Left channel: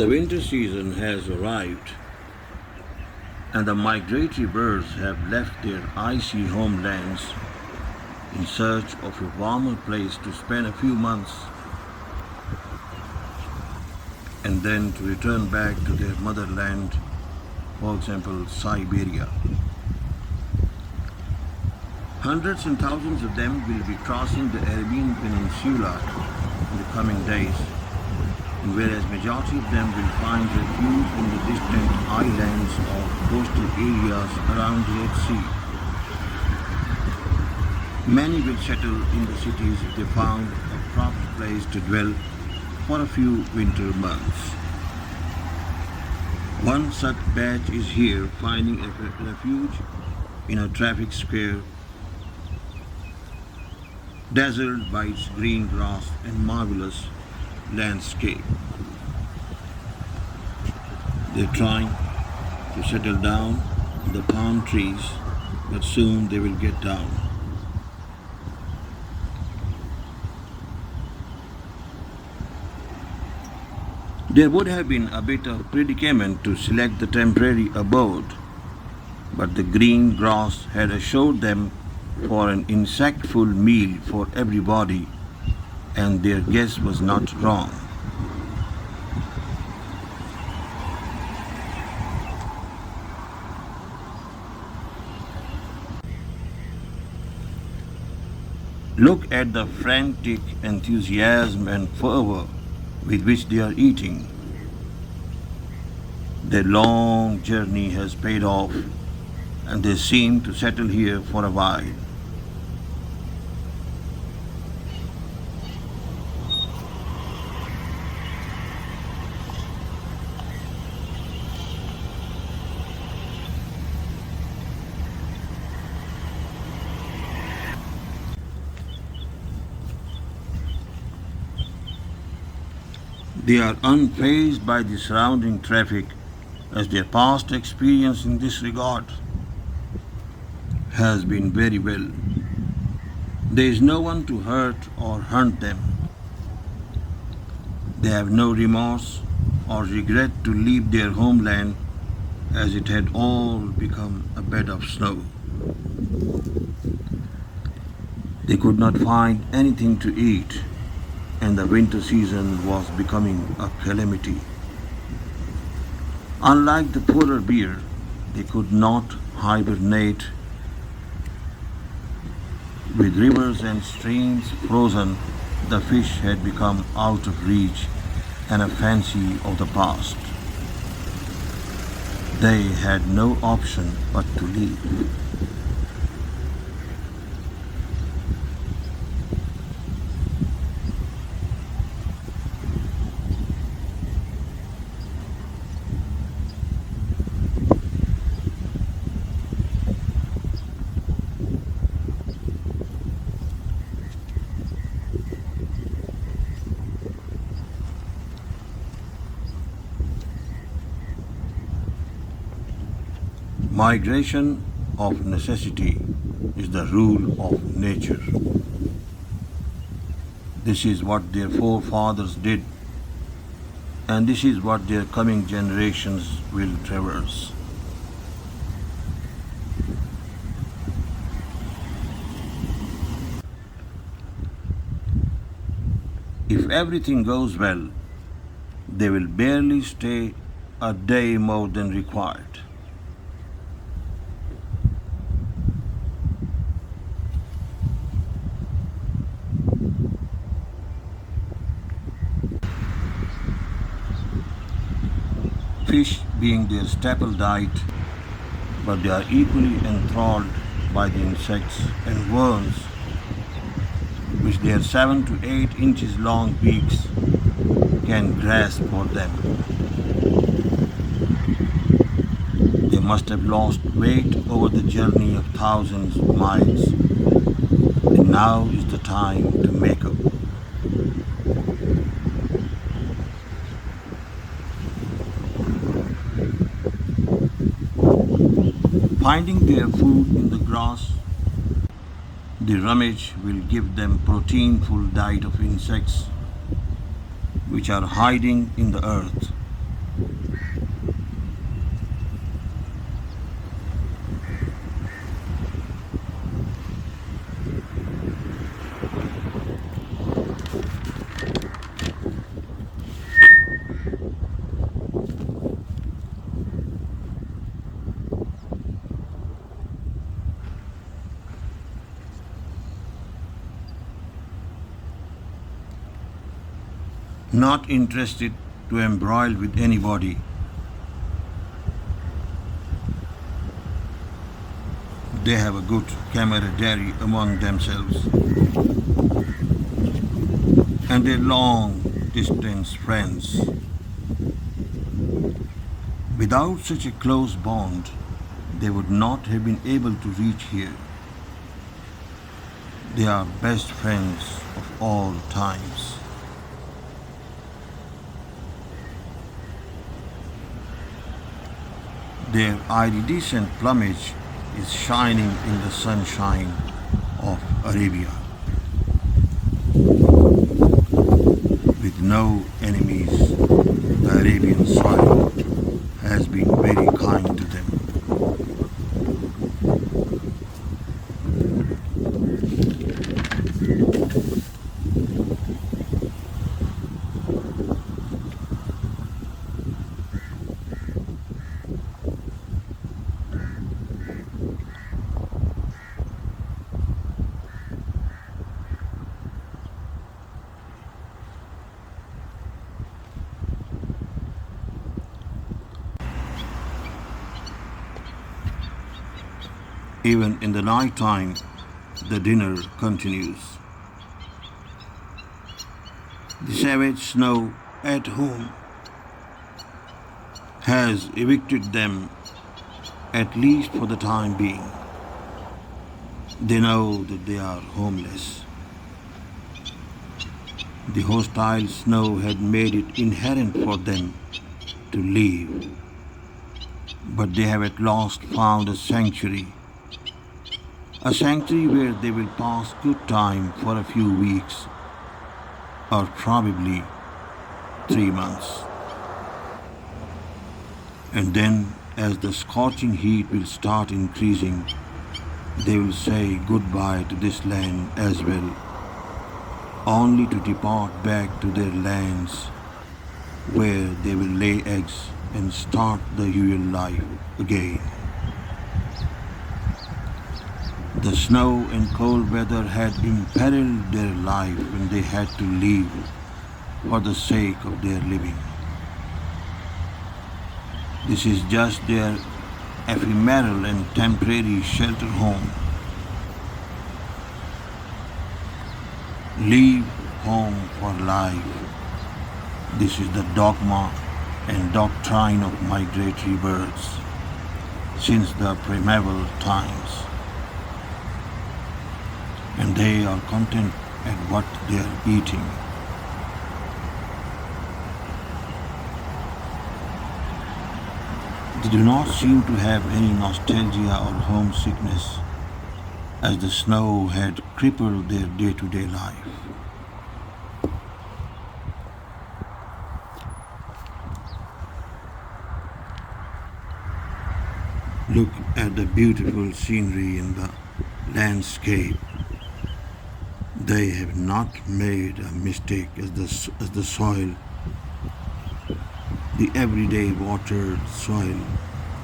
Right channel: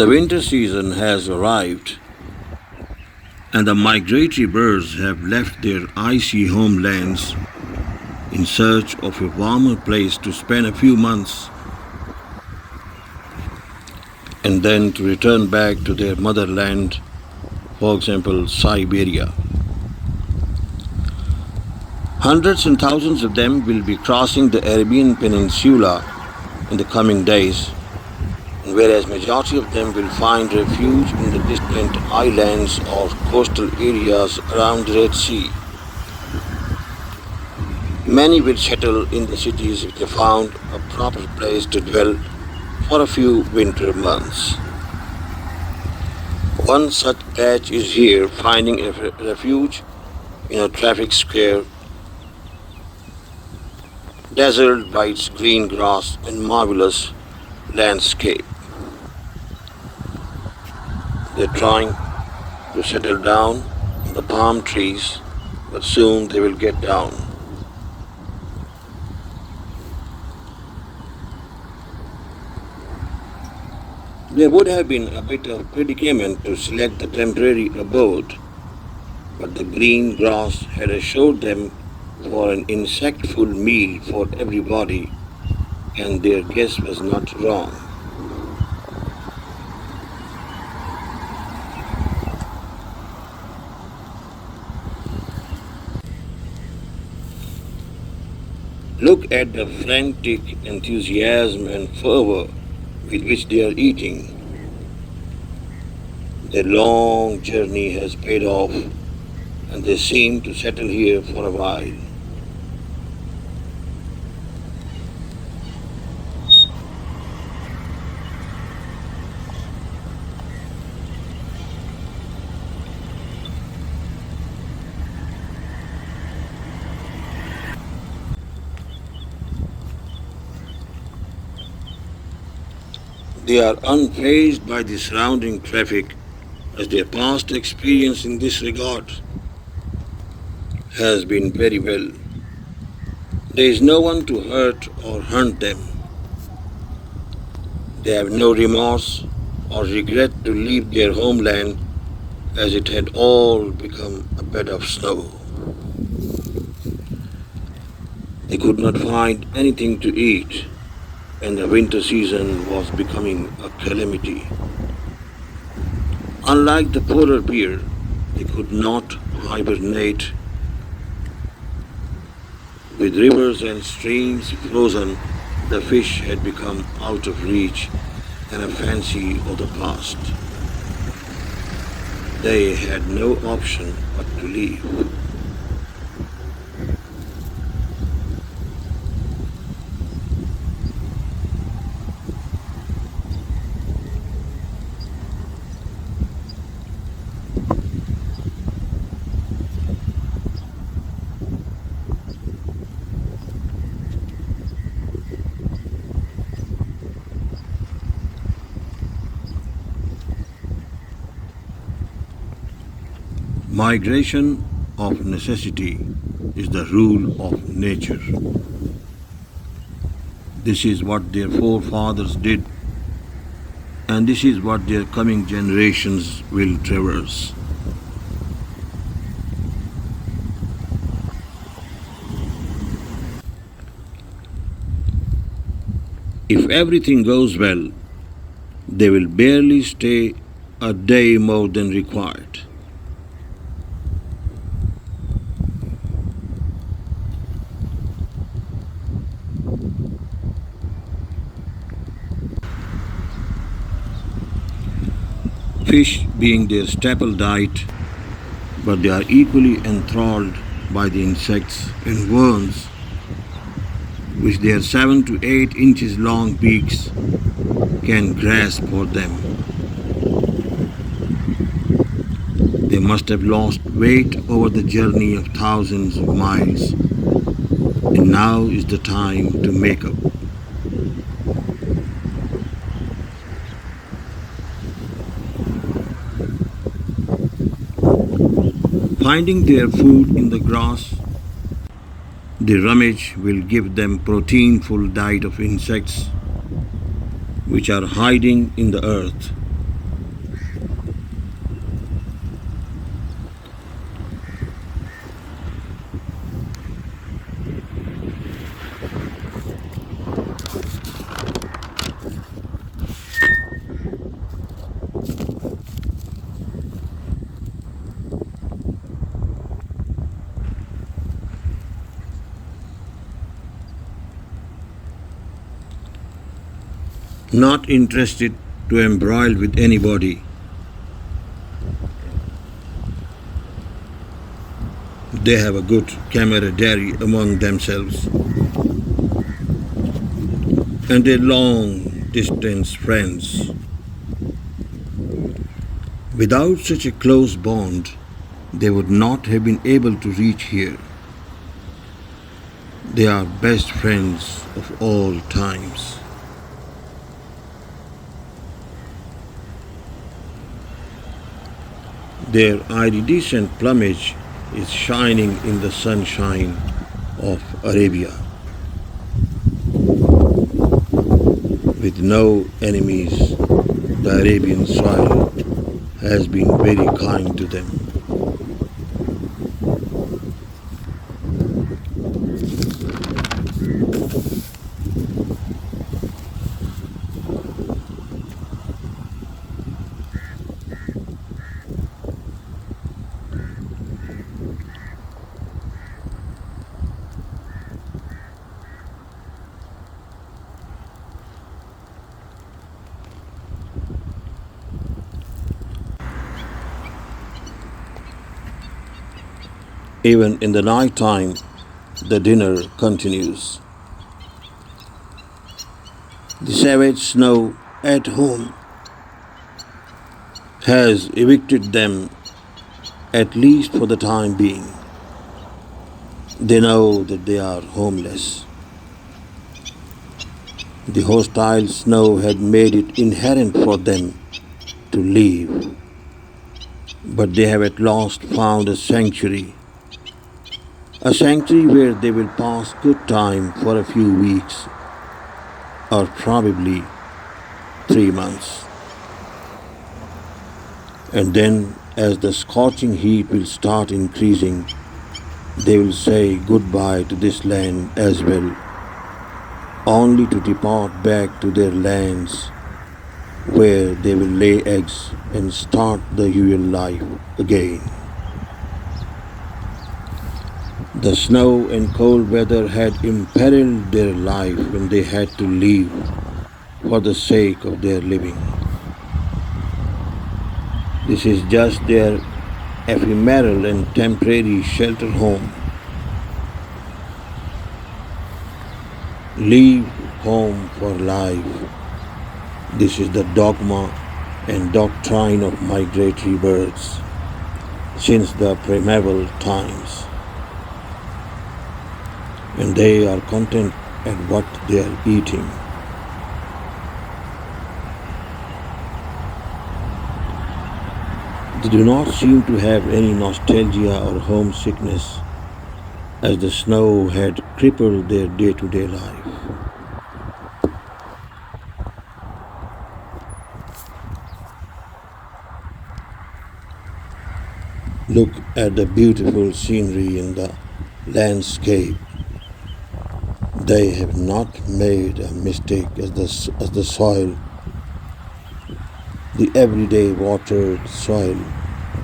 The winter season has arrived, and the migratory birds have left their icy homelands in search of a warmer place to spend a few months and then to return back to their motherland, for example, Siberia. Hundreds and thousands of them will be crossing the Arabian Peninsula in the coming days, and whereas majority of them will find refuge in the distant islands or coastal areas around the Red Sea. Many will settle in the cities if they found a proper place to dwell for a few winter months. One such batch is here, finding a refuge in a traffic square dazzled by its green grass and marvelous landscape. They're trying to settle down in the palm trees, but soon they will get down. There would have been a bit of predicament to select the temporary abode, but the green grass had assured them for an insectful meal for everybody, and their guess was not wrong. Look at the frantic enthusiasm and fervor with which they are eating. Their long journey has paid off, and they seem to settle here for a while. They are unfazed by the surrounding traffic, as their past experience in this regard has been very well. There is no one to hurt or hunt them. They have no remorse or regret to leave their homeland, as it had all become a bed of snow. They could not find anything to eat, and the winter season was becoming a calamity. Unlike the polar bear, they could not hibernate. With rivers and streams frozen, the fish had become out of reach and a fancy of the past. They had no option but to leave. Migration of necessity is the rule of nature. This is what their forefathers did, and this is what their coming generations will traverse. If everything goes well, they will barely stay a day more than required. Fish being their staple diet, but they are equally enthralled by the insects and worms, which their 7 to 8 inches long beaks can grasp for them. They must have lost weight over the journey of thousands of miles, and now is the time to make up. Finding their food in the grass, the rummage will give them protein-full diet of insects which are hiding in the earth Not interested to embroil with anybody. They have a good camaraderie among themselves, and they're long distance friends. Without such a close bond, they would not have been able to reach here. They are best friends of all times. Their iridescent plumage is shining in the sunshine of Arabia. With no enemies, the Arabian soil has been very kind to them. Even in the night time, the dinner continues. The savage snow at home has evicted them, at least for the time being. They know that they are homeless. The hostile snow had made it inherent for them to leave, but they have at last found a sanctuary where they will pass good time for a few weeks or probably 3 months. And then, as the scorching heat will start increasing, they will say goodbye to this land as well, only to depart back to their lands where they will lay eggs and start the usual life again. The snow and cold weather had imperiled their life when they had to leave for the sake of their living. This is just their ephemeral and temporary shelter home. Leave home for life. This is the dogma and doctrine of migratory birds since the primeval times. And they are content at what they are eating. They do not seem to have any nostalgia or homesickness, as the snow had crippled their day-to-day life. Look at the beautiful scenery in the landscape. They have not made a mistake as the soil. The everyday watered soil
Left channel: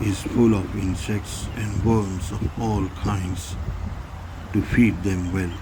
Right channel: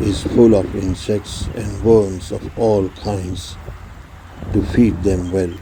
is full of insects and worms of all kinds to feed them well.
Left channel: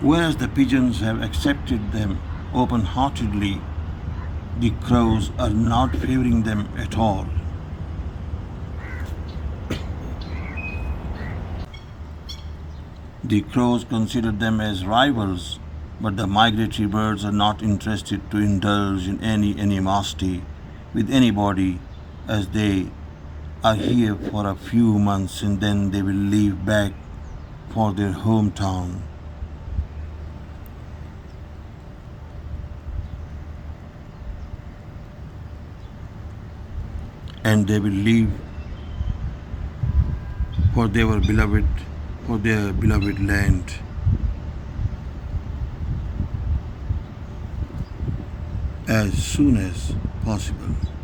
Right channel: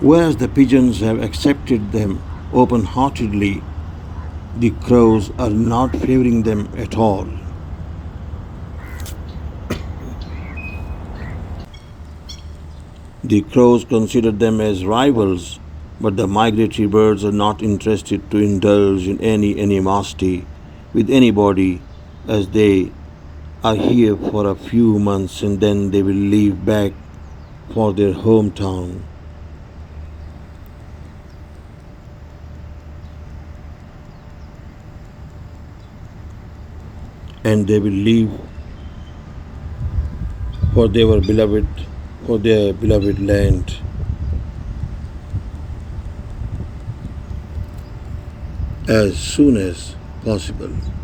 Whereas the pigeons have accepted them open-heartedly, the crows are not favoring them at all. The crows consider them as rivals But the migratory birds are not interested to indulge in any animosity with anybody, as they are here for a few months and then they will leave back for their hometown. And they will leave for their beloved land as soon as possible.